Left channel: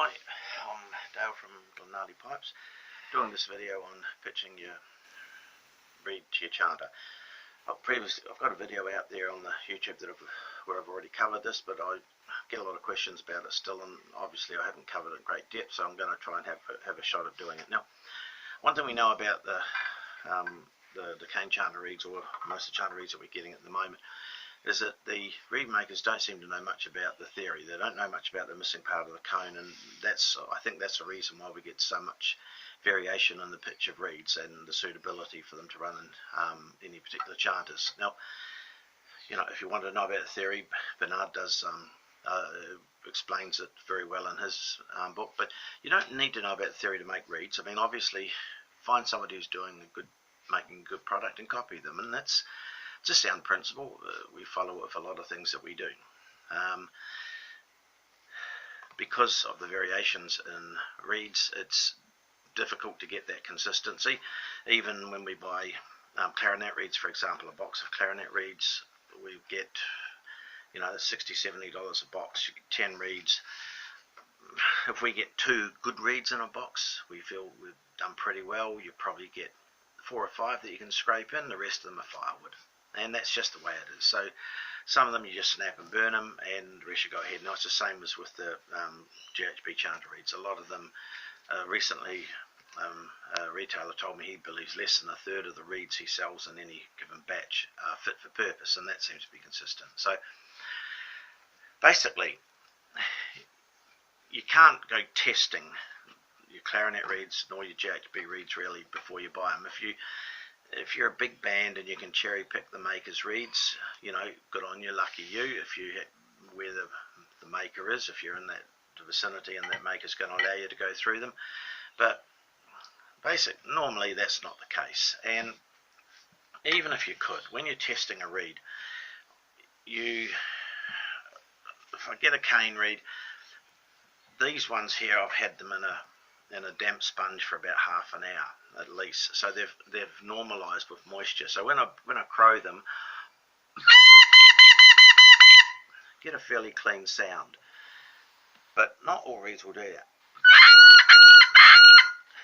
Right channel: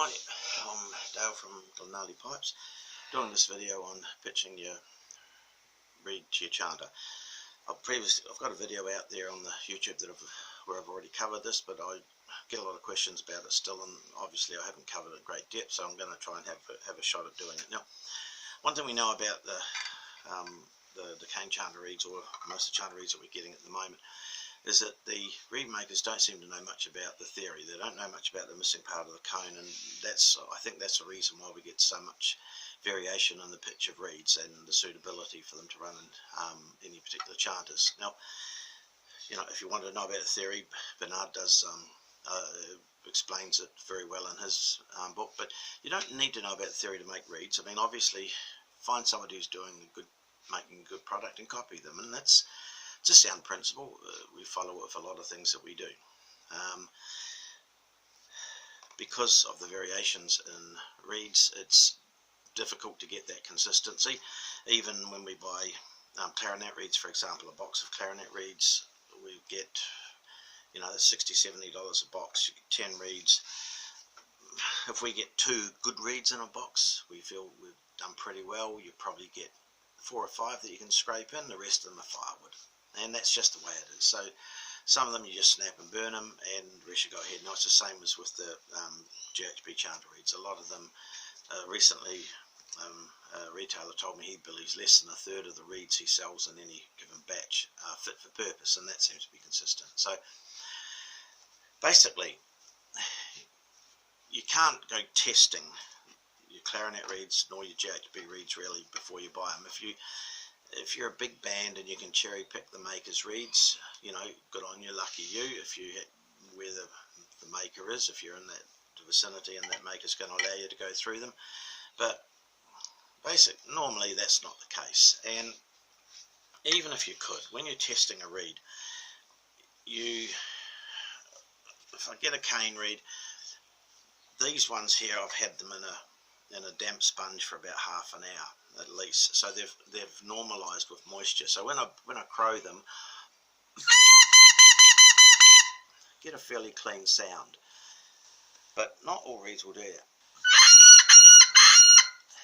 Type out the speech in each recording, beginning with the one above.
Hi, I'm Dale from Glenarley Pipes, doing this video on pitching your reed to your chanter. I've got a video out there on the YouTube where I've already covered this, but I get a lot of questions about it still, and obviously I haven't covered it in great depth, so I'm going to try and have a shot at doing it. Now, one thing we know about the cane chanter reeds, or most of the chanter reeds that we're getting at the moment, is that the reed makers don't seem to know much about the theory. They don't know much about the missing part of the cone, and I think that's the reason why we get so much variation in the pitch of reeds and the suitability for them to run in any particular chanters. Now, if you want to know about the theory, Bernard does explains it very well in his book, but you don't need to know about the theory to make reeds. I mean, obviously, find somebody who's making a good product and copy them, and that's it's a sound principle. We follow it with a lot of things that we do. Because of the variations in reeds, it's difficult to get that consistency. Even when we buy clarinet reeds, for example, a box of clarinet reeds, we get $60–70 a box. You get 10 reeds. If we get 2 good reeds in a box, we feel we've done pretty well. You probably get 4 or 5 that you can scrape in. The rest of them are firewood. And that's just the way it is. So some of them you just snap and burn them, and the rest you go ahead. Now it's the same as with the GHB chanter reeds. A lot of them recently, a retailer told me he believes less than a third of the reeds he sells in any given batch are fit for purpose, and that seems to be consistent. So basically, you can't go testing your clarinet reeds nor your GHB reeds really before you buy them. If you're a big band and you can cherry pick the maker's reeds, good on you, lucky you. If you where the maker is, if you're in that vicinity and that maker's going to allow you to go through them. But normally that's not the case. And even if you could, when you're testing a reed, if I get a cane reed, these ones here, I've had them in a damp sponge for about half an hour at least, so they've normalized with moisture. So when I crow them, get a fairly clean sound. But not all reeds will do that.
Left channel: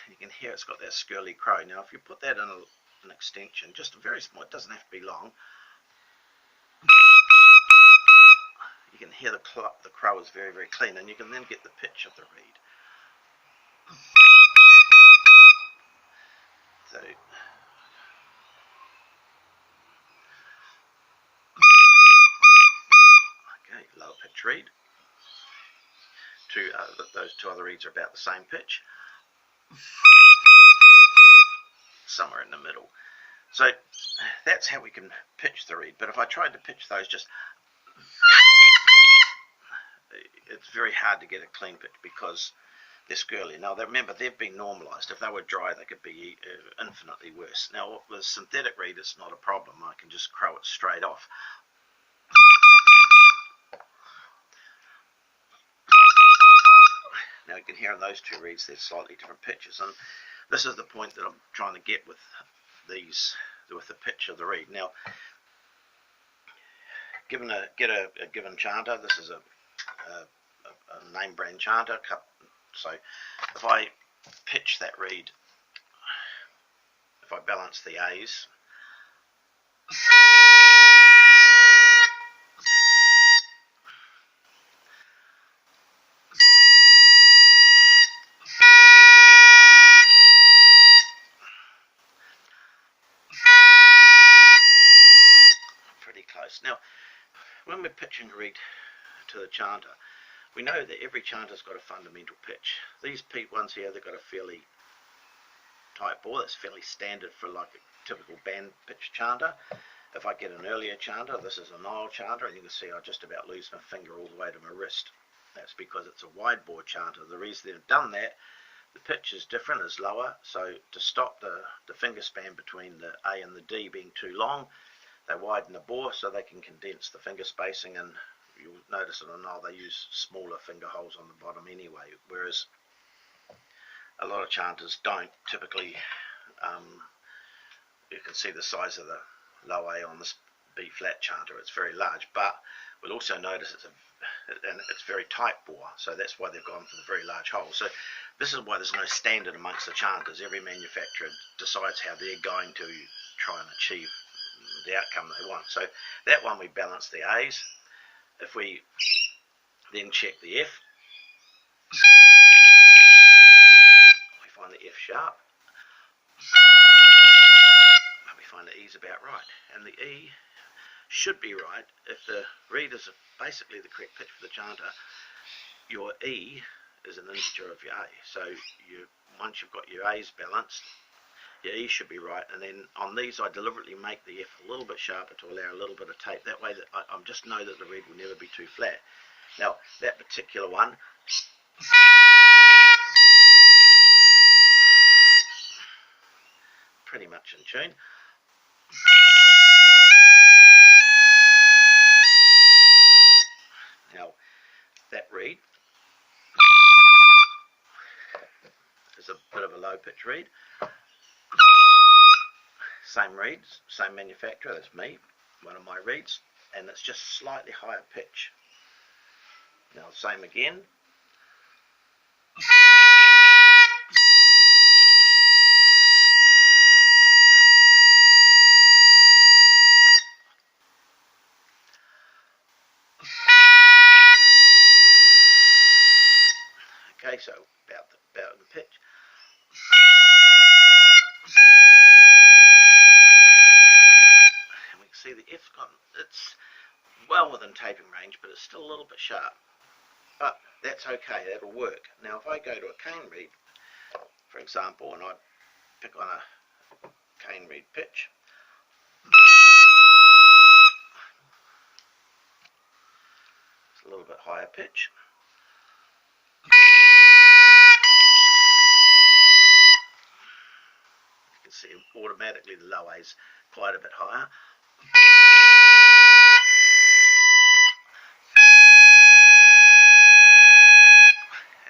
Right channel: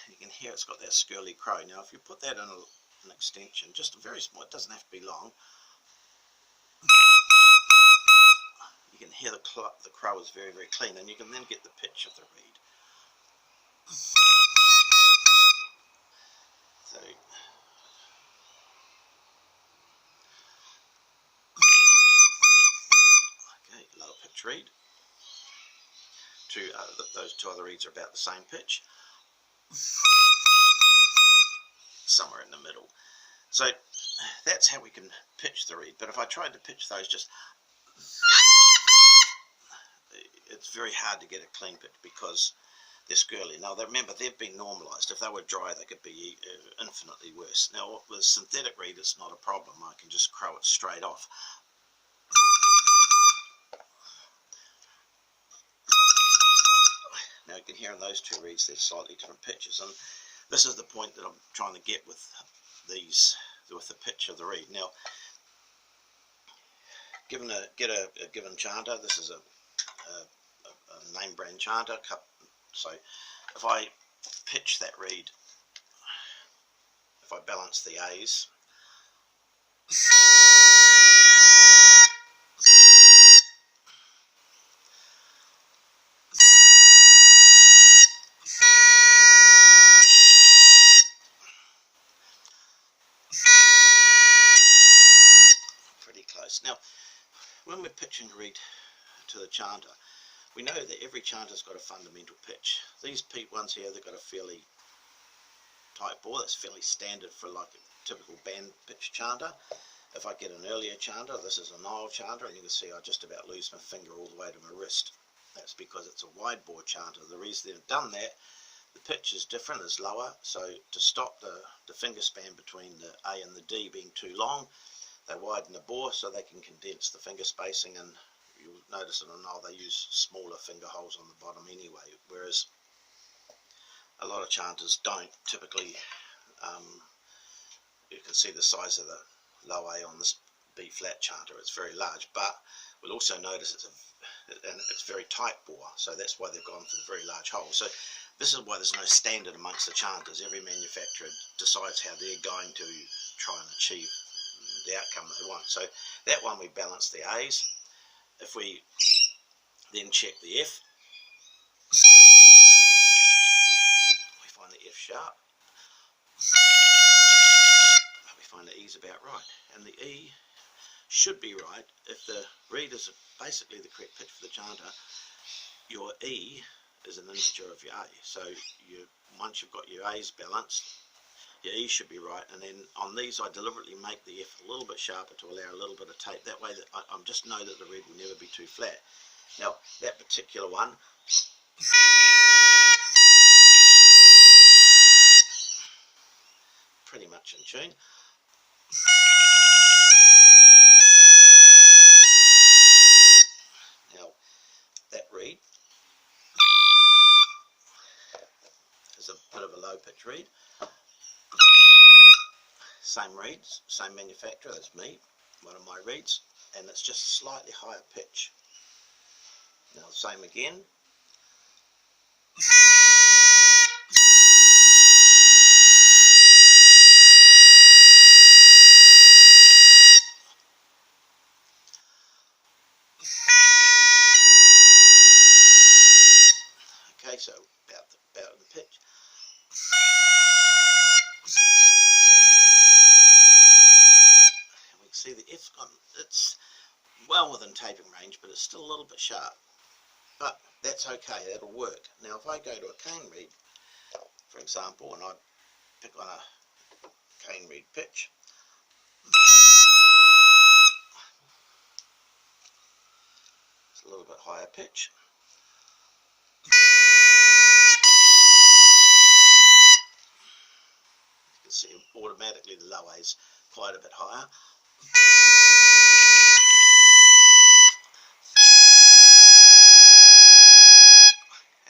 You can hear it's got that skirly crow. Now if you put that in an extension, just a very small, it doesn't have to be long, you can hear the crow is very, very clean, and you can then get the pitch of the reed. So, okay, lower pitch reed. Those 2 other reeds are about the same pitch. Somewhere in the middle. So that's how we can pitch the reed. But if I tried to pitch those it's very hard to get a clean pitch because they're skirly. Now remember, they've been normalized. If they were dry, they could be infinitely worse. Now with synthetic reed, it's not a problem. I can just crow it straight off. Now you can hear in those 2 reeds there's slightly different pitches, and this is the point that I'm trying to get with the pitch of the reed. Now, get a given chanter. This is a name brand chanter. So if I pitch that reed, if I balance the A's, pretty close. Now, when we're pitching a reed to the chanter, we know that every chanter's got a fundamental pitch. These ones here, they've got a fairly tight bore. That's fairly standard for like a typical band pitch chanter. If I get an earlier chanter, this is a Nile chanter, and you can see I just about lose my finger all the way to my wrist. That's because it's a wide bore chanter. The reason they've done that, the pitch is different, is lower, so to stop the finger span between the A and the D being too long, they widen the bore so they can condense the finger spacing, and you'll notice in a Nile they use smaller finger holes on the bottom anyway, whereas a lot of chanters don't. Typically, you can see the size of the low A on this B flat chanter, it's very large, but we'll also notice and it's very tight bore, so that's why they've gone for the very large hole. So this is why there's no standard amongst the chanters. Every manufacturer decides how they're going to try and achieve the outcome they want. So that one we balance the A's. If we then check the F, we find the F sharp, we find the E's about right, and the E should be right. If the reed is basically the correct pitch for the chanter, your E is an integer of your A. So once you've got your A's balanced, your E should be right. And then on these I deliberately make the F a little bit sharper to allow a little bit of tape. That way that I just know that the reed will never be too flat. Now that particular one, pretty much in tune. Now that reed is a bit of a low pitch reed. Same reeds, same manufacturer, that's me, one of my reeds, and it's just slightly higher pitch. Now same again. Okay, so about in pitch. And we can see the F's gone, it's well within taping range, but it's still a little bit sharp. But that's okay, that'll work. Now if I go to a cane reed, for example, and I pick on a cane reed pitch, it's a little bit higher pitch. You can see automatically the low A's quite a bit higher.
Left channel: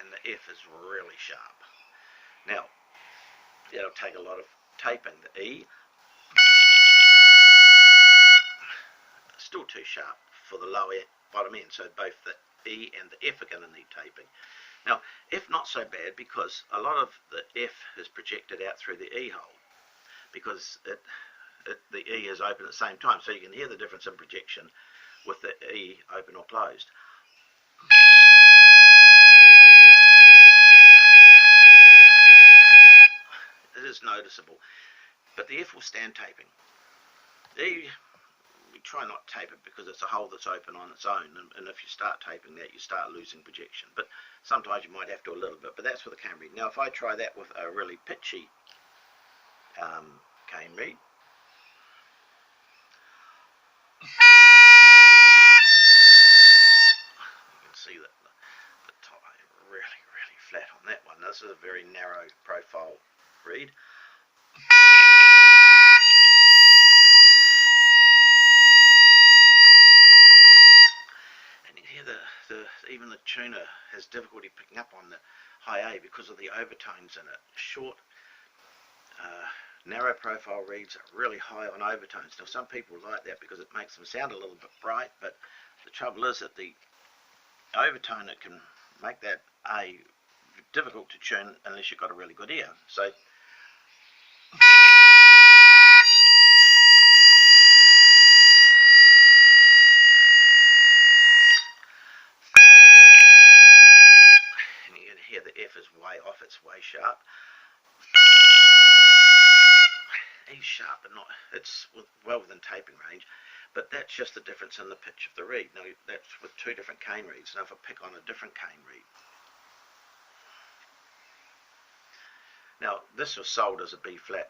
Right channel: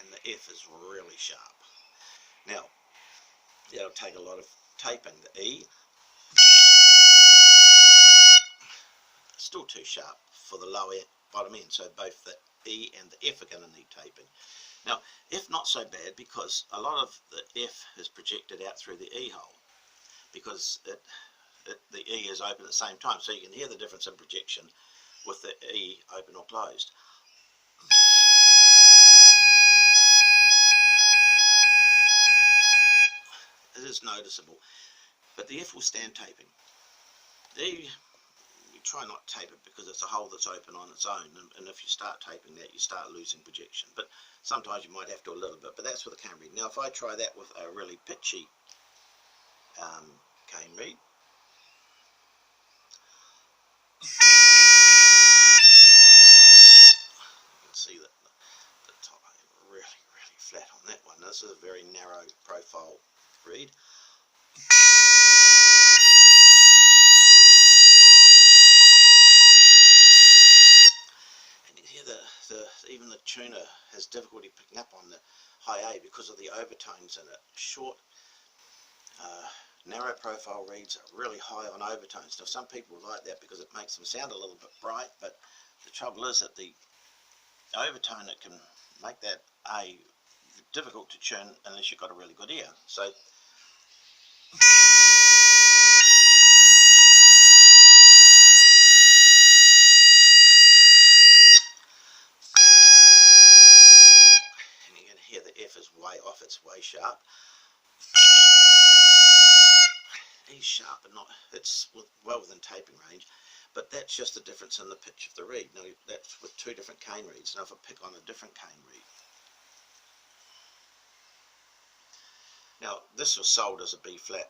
And the F is really sharp. Now, that'll take a lot of taping. The E, still too sharp for the lower bottom end, so both the E and the F are going to need taping. Now, F not so bad because a lot of the F is projected out through the E hole because the E is open at the same time, so you can hear the difference in projection with the E open or closed. It is noticeable, but the F will stand taping. The E, we try not to tape it because it's a hole that's open on its own, and if you start taping that, you start losing projection. But sometimes you might have to a little bit, but that's with a cane reed. Now if I try that with a really pitchy cane reed, you can see that the top is really flat on that one. This is a very narrow profile reed. And you hear even the tuner has difficulty picking up on the high A because of the overtones in it. Short, narrow profile reeds are really high on overtones. Now some people like that because it makes them sound a little bit bright, but the trouble is that the overtone, it can make that A difficult to tune unless you've got a really good ear. So and you can hear the F is way off, it's way sharp. E's sharp, but not, it's well within taping range, but that's just the difference in the pitch of the reed. Now that's with two different cane reeds. Now if I pick on a different cane reed, now this was sold as a B flat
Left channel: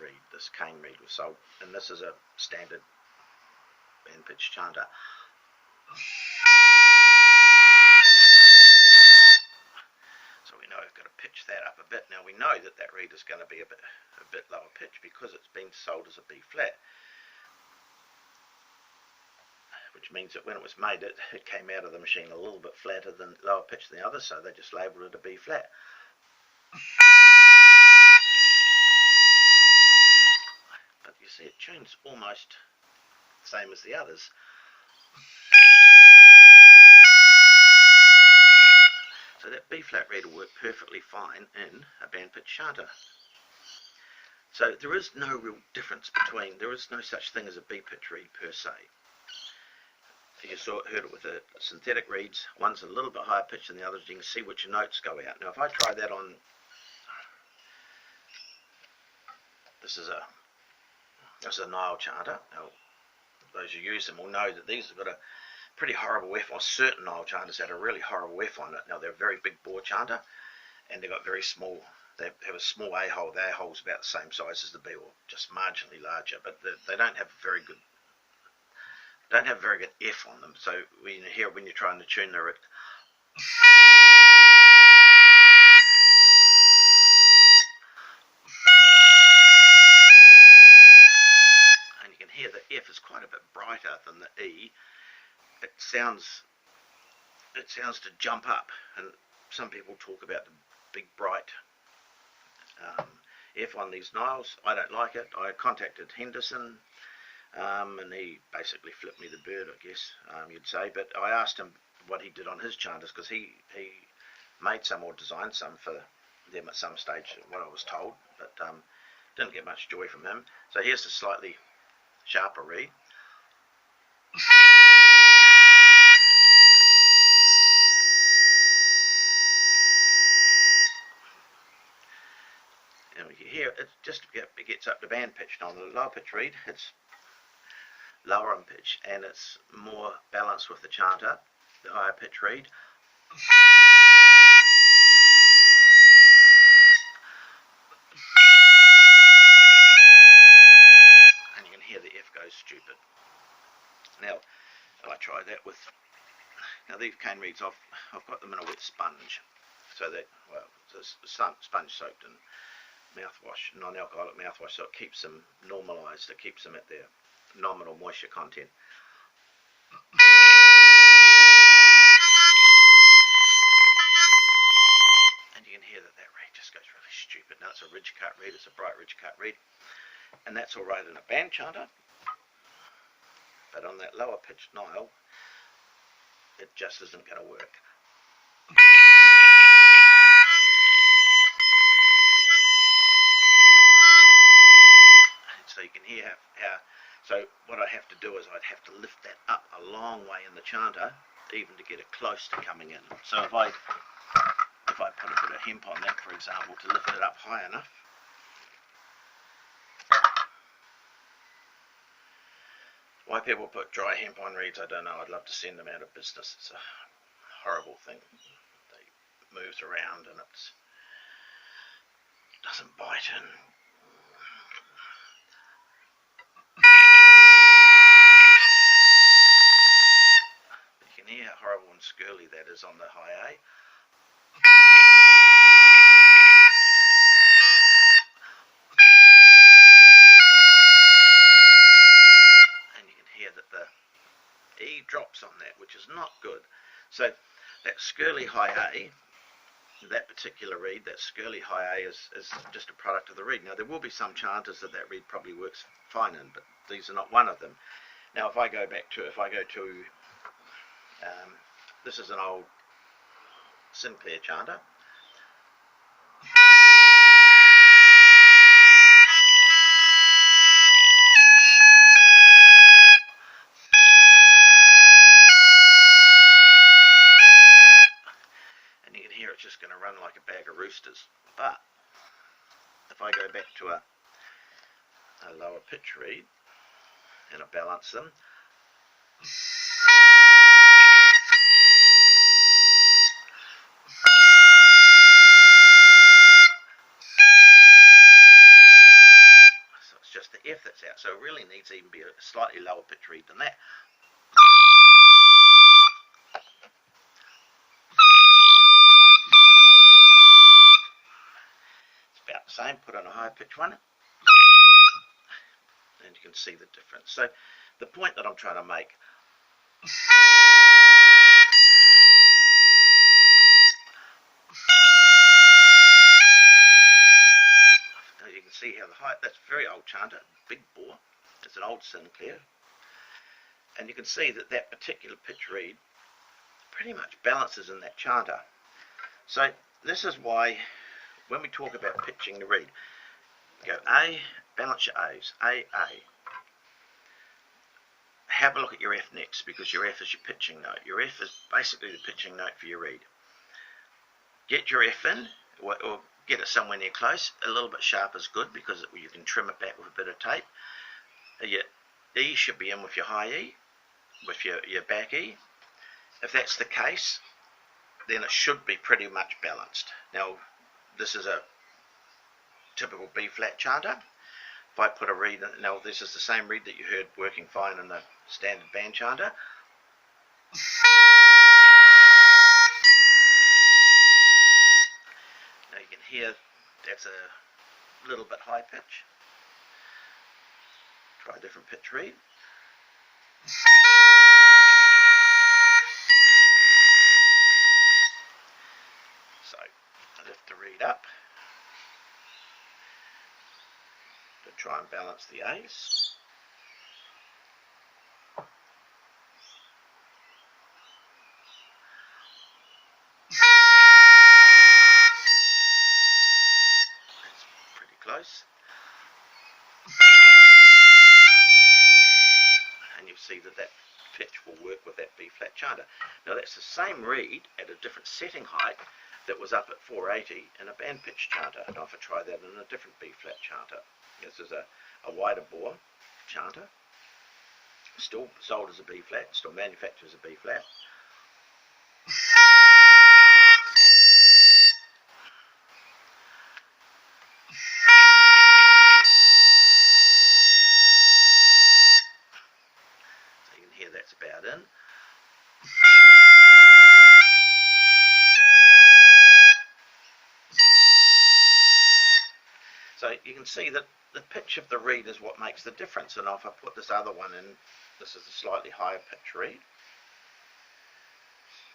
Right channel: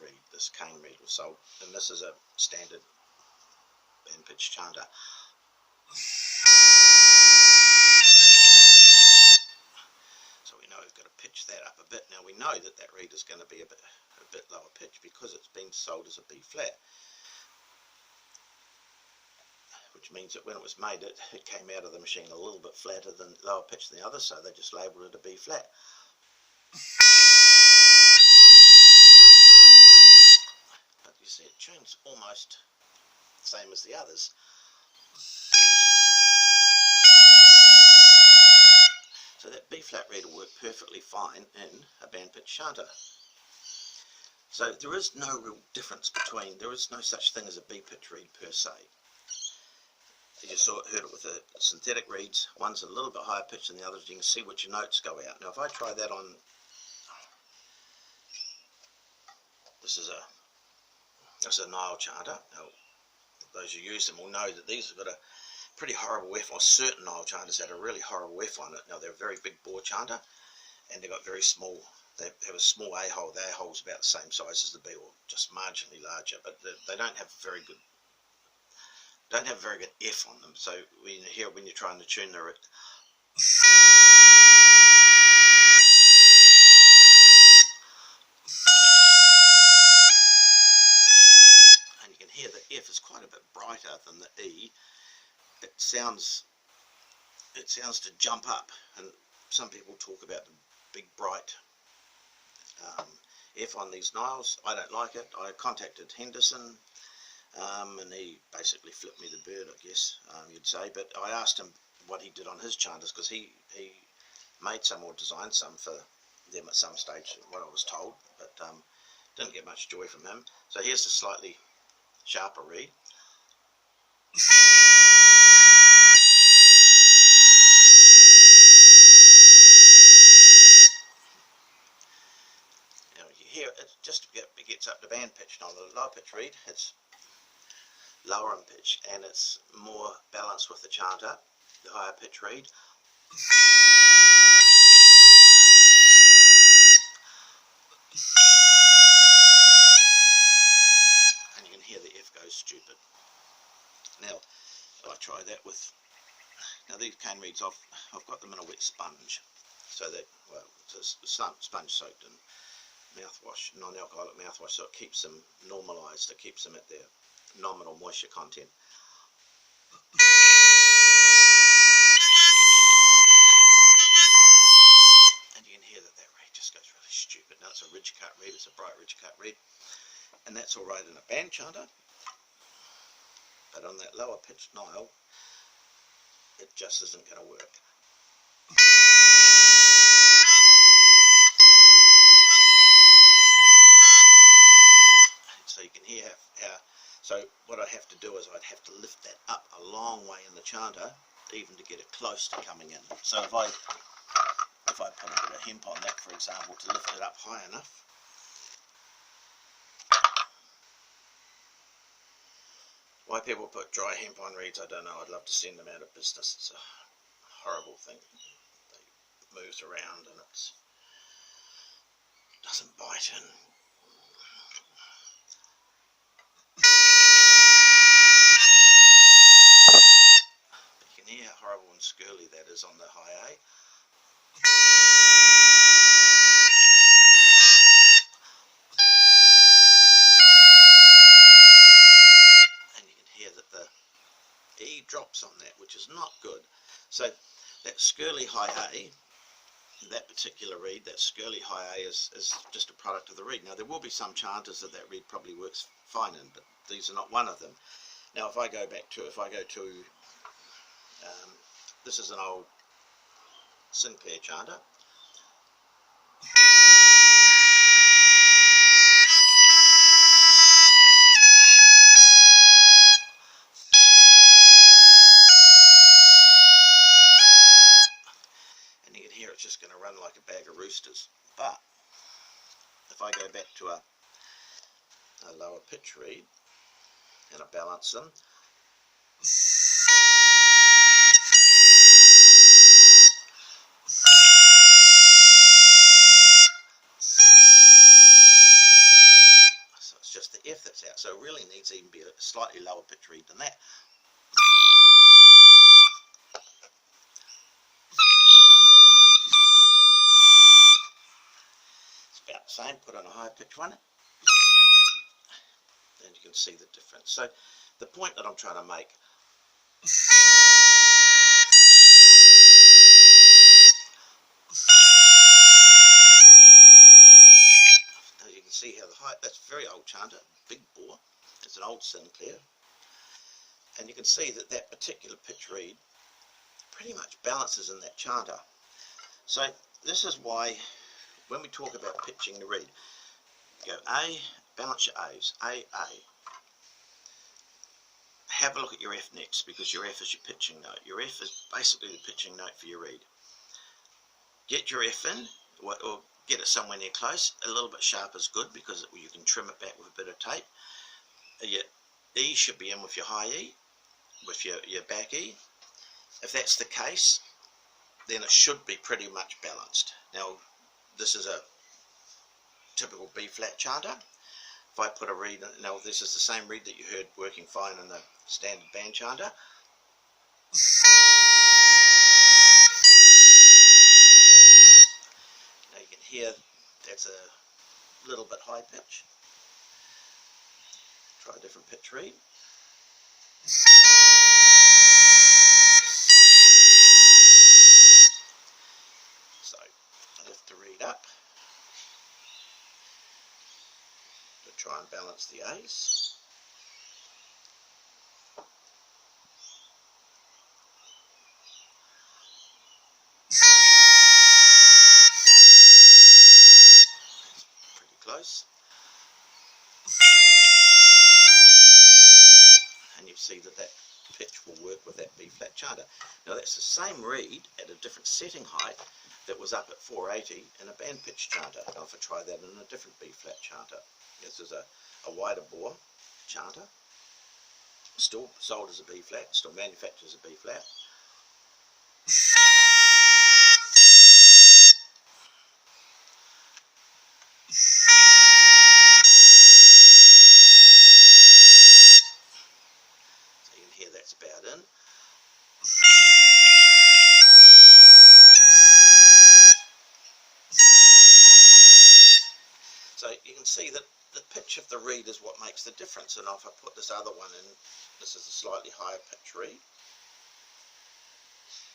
reed, this cane reed was sold, and this is a standard band pitch chanter. So we know we've got to pitch that up a bit. Now we know that that reed is going to be a bit lower pitch because it's been sold as a B flat, which means that when it was made, it came out of the machine a little bit flatter than lower pitch than the other, so they just labelled it a B flat. But you see, it tunes almost the same as the others. B flat reed will work perfectly fine in a band pitch chanter. So there is no real difference between, there is no such thing as a B pitch reed per se. You heard it with the synthetic reeds, one's a little bit higher pitch than the others, you can see which notes go out. Now if I try that on, this is a Nile chanter. Now those who use them will know that these have got a pretty horrible F, or certain Nile chanters had a really horrible F on it. Now they're a very big bore chanter, and they've got very small, they have a small A-hole. The A-hole's about the same size as the B, or just marginally larger, but they don't have very good F on them. So when you hear, when you're trying to tune the reed, and you can hear the F is quite a bit brighter than the E. It sounds to jump up, and some people talk about the big bright F on these Niles. I don't like it. I contacted Henderson, and he basically flipped me the bird, I guess you'd say. But I asked him what he did on his chanters, because he made some or designed some for them at some stage, what I was told, but didn't get much joy from him. So here's a slightly sharper reed. You hear it just gets up to band pitch. Now on the low pitch reed, it's lower in pitch and it's more balanced with the chanter. The higher pitch reed, and you can hear the F goes stupid. Now if I try that with, now these cane reeds, I've got them in a wet sponge, so that, well, it's a sponge soaked in mouthwash, non-alcoholic mouthwash, so it keeps them normalised, it keeps them at their nominal moisture content. And you can hear that reed just goes really stupid. Now it's a ridge cut reed, it's a bright ridge cut reed, and that's alright in a band chanter, but on that lower pitched Nile, it just isn't going to work. So you can hear how, so what I have to do is I'd have to lift that up a long way in the chanter, even to get it close to coming in. So if I put a bit of hemp on that, for example, to lift it up high enough, why people put dry hemp on reeds, I don't know. I'd love to send them out of business. It's a horrible thing. They moves around and it doesn't bite in. You can hear how horrible and squirrely that is on the high A. And you can hear that the E drops on that, which is not good. So that squirrely high A, that particular reed, that squirrely high A is just a product of the reed. Now there will be some chanters that reed probably works fine in, but these are not one of them. Now if I go to this is an old Sinclair chanter. And you can hear it's just going to run like a bag of roosters. But if I go back to a lower pitch reed and I balance them, just the F that's out, so it really needs to even be a slightly lower pitch reed than that. It's about the same. Put on a higher pitch one, and you can see the difference. So the point that I'm trying to make, you can see how the height, that's very old chanter, big bore, it's an old Sinclair, and you can see that that particular pitch reed pretty much balances in that chanter. So this is why when we talk about pitching the reed, go A, balance your A's, A. Have a look at your F next, because your F is your pitching note. Your F is basically the pitching note for your reed. Get your F in, or get it somewhere near close. A little bit sharp is good because you can trim it back with a bit of tape. Your E should be in with your high E, with your back E. If that's the case, then it should be pretty much balanced. Now, this is a typical B flat chanter. If I put a reed in, now this is the same reed that you heard working fine in the standard band chanter. Now you can hear that's a little bit high pitch. Try a different pitch reed. So I lift the reed up to try and balance the A's. That's pretty close. And you see that pitch will work with that B flat chanter. Now that's the same reed at a different setting height that was up at 480 in a band pitch chanter. Now if I try that in a different B flat chanter, this is a wider bore chanter, still sold as a B flat, still manufactured as a B flat. So you can hear that's about in. So you can see that the pitch of the reed is what makes the difference. And if I put this other one in, this is a slightly higher pitch reed.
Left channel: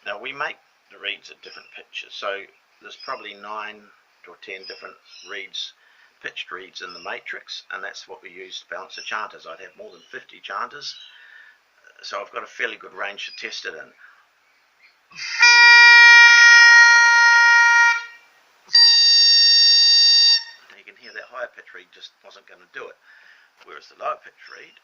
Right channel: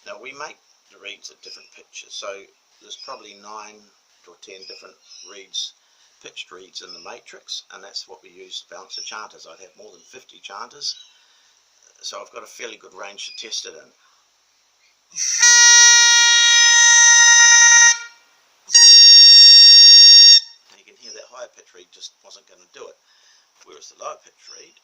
Now we make the reeds at different pitches, so there's probably 9 or 10 different reeds, pitched reeds in the matrix, and that's what we use to balance the chanters. I'd have more than 50 chanters, so I've got a fairly good range to test it in. You can hear that higher pitch reed just wasn't going to do it, whereas the lower pitch reed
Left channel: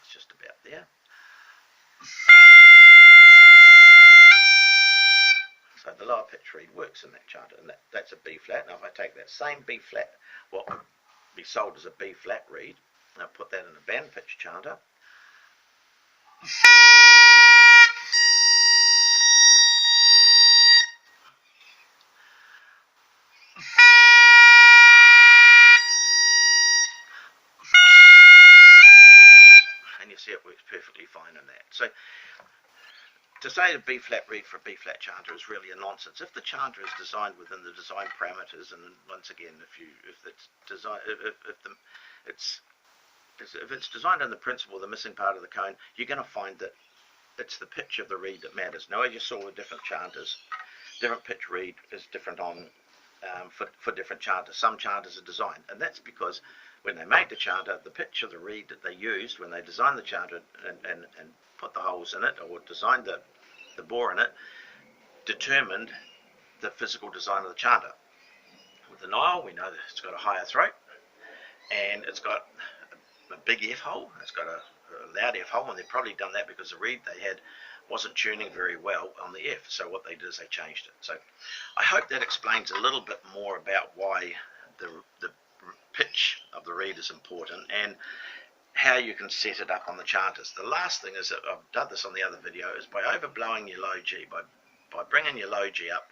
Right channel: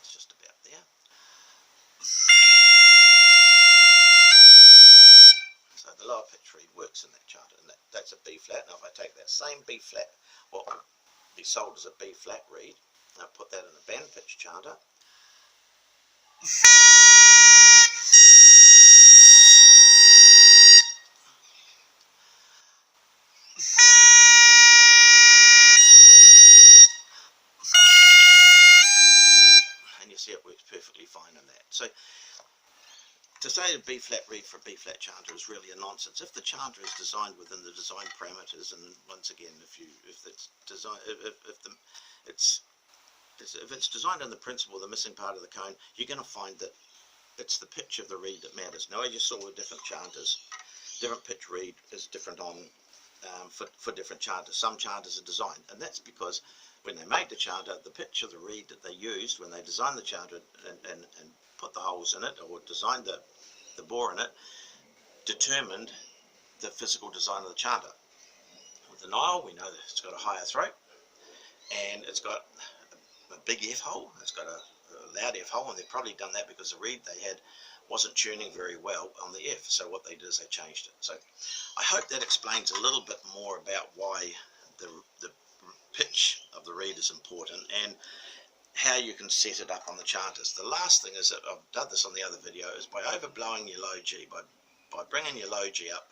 it's just about there. So the lower pitch reed works in that chanter, and that's a B flat. Now if I take that same B flat, what would be sold as a B flat reed, and I put that in a band pitch chanter, and you see it works perfectly fine in that. So to say a B flat reed for a B flat chanter is really a nonsense. If the chanter is designed within the design parameters, and once again, if it's designed in the principle, the missing part of the cone, you're going to find that it's the pitch of the reed that matters. Now, as you saw with different chanters, different pitch reed is different on for different chanters. Some chanters are designed, and that's because when they made the chanter, the pitch of the reed that they used when they designed the chanter and put the holes in it, or designed the bore in it, determined the physical design of the chanter. With the Nile, we know that it's got a higher throat, and it's got a big F hole, it's got a loud F hole, and they've probably done that because the reed they had wasn't tuning very well on the F, so what they did is they changed it. So I hope that explains a little bit more about why the pitch of the reed is important, and how you can set it up on the chanters. The last thing is that I've done this on the other video, is by overblowing your low G, by bringing your low G up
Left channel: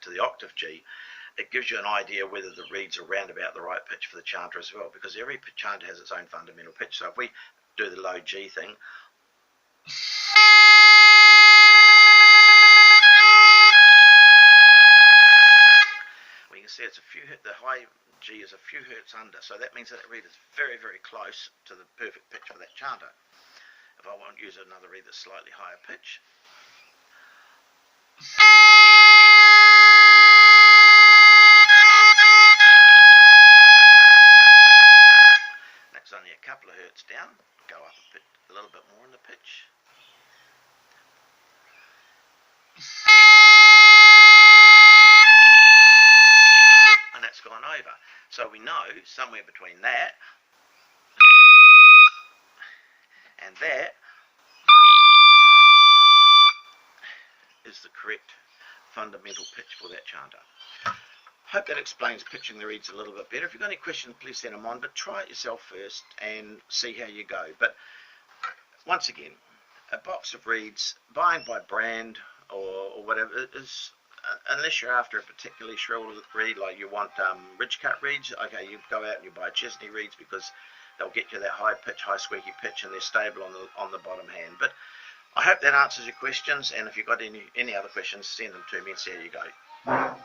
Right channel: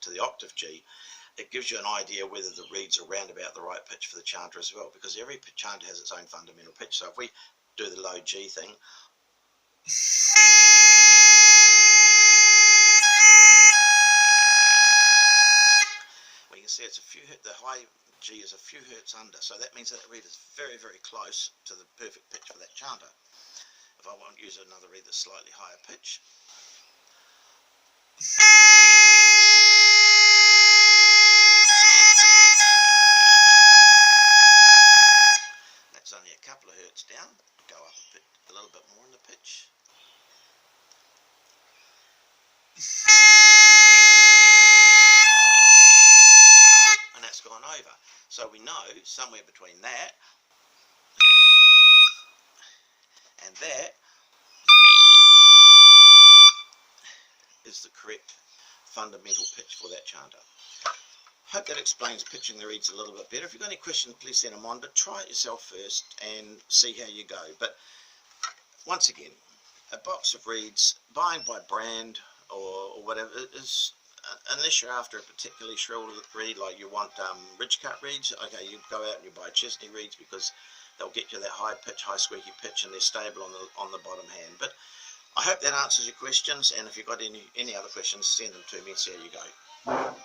to the octave G, it gives you an idea whether the reeds are round about the right pitch for the chanter as well, because every chanter has its own fundamental pitch. So if we do the low G thing, we can see it's the high G is a few hertz under, so that means that the reed is very, very close to the perfect pitch for that chanter. If if I want to use another reed that's slightly higher pitch. That's only a couple of hertz down. Go up a little bit more in the pitch. And that's gone over. So we know somewhere between that and that is the correct fundamental pitch for that chanter. Hope that explains pitching the reeds a little bit better. If you've got any questions, please send them on, but try it yourself first and see how you go. But once again, a box of reeds, buying by brand or whatever, is, unless you're after a particularly shrill reed, like you want ridge cut reeds, okay, you go out and you buy Chesney reeds because they'll get you that high pitch, high squeaky pitch, and they're stable on the bottom hand. But I hope that answers your questions, and if you've got any other questions, send them to me and see how you go.